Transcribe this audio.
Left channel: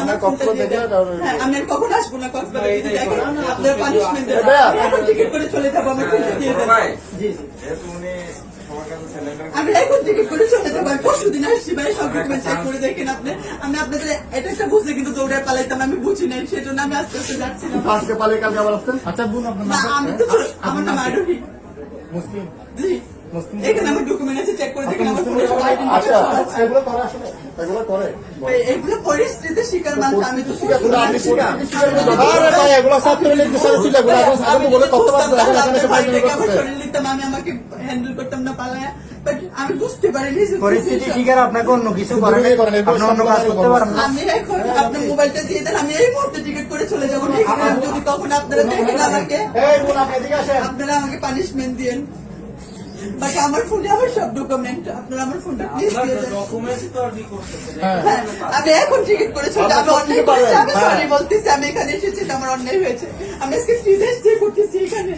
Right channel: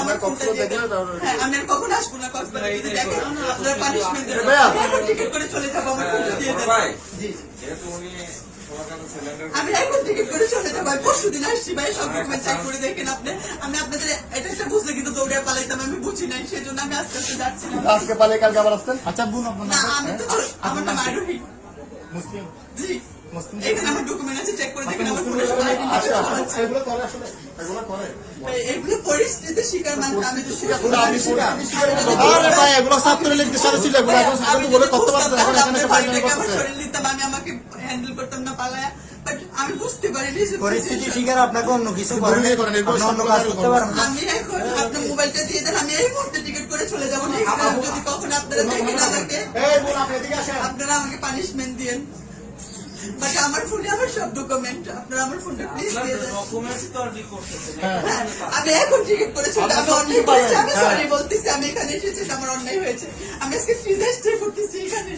আমার কখনো দেখে আমি আর কখন আসবো না আপনার পানিশমেন্ট টিকিট করে চলে যাবো আমি এখন টিকিট করে চলে যাবো। আমি পরশু দিন আসছি ভাই, সব ডকুমেন্ট চেক করে দেখেন আপনি। আমি আপনাদের এটা বুঝলে কিন্তু দৌড়ে পালাইতাম, আমি বুঝি নাই, সেজন্য আমি আস্তে আস্তে যাচ্ছি। আজকে পালাই কালকে আবার আসতেন। আচ্ছা বোন, আপনার নাম? আমি তো আমার নাম আরোহী মুসলিম। জি, এখানে আমার ডকুমেন্ট আছে, চেক করে দেখেন। আমার এগুলো করে আসলে এগুলো করে এগুলো পরিস্থিতি শিকার মানুষ। আমি তো আমি এগুলো সব করে লিখতে চাইছিল, এগুলো বলে করতে পারতো। এখন এখানে এসে পাইলাম আমার শরীর নিতাম, আমি আমাকে হ্যান্ডেল করতাম না পালায়া। বাট আমি বুঝতে পারিনি পরিস্থিতি শিকার আপনাকে অন্য কিছু করেন, আপনি অন্য কাজ করতে পারেন না। আমি এখন আপনি মোবাইলটা দিয়ে দেন, আমি এই মুহূর্তে টিকিট করে চলে যাবো। যদি কখন আপনারা দেখেন আমাকে, আপনারা আমাকে পানিশমেন্ট দিয়েন। বাট আমার ফোনে আমার সব ডকুমেন্ট, আপনারা আমার ফোনটা প্লিজ দিয়ে দেন। আমি এখন টিকিট করে চলে যাবো। আমি অন্যায় করেছি, আমি সরি বলতেছি। আমি এখানে এসেছি, আমার অন্যায় হয়েছে। আমি আজকে ফ্রিতে স্টে করতেছি এখানে।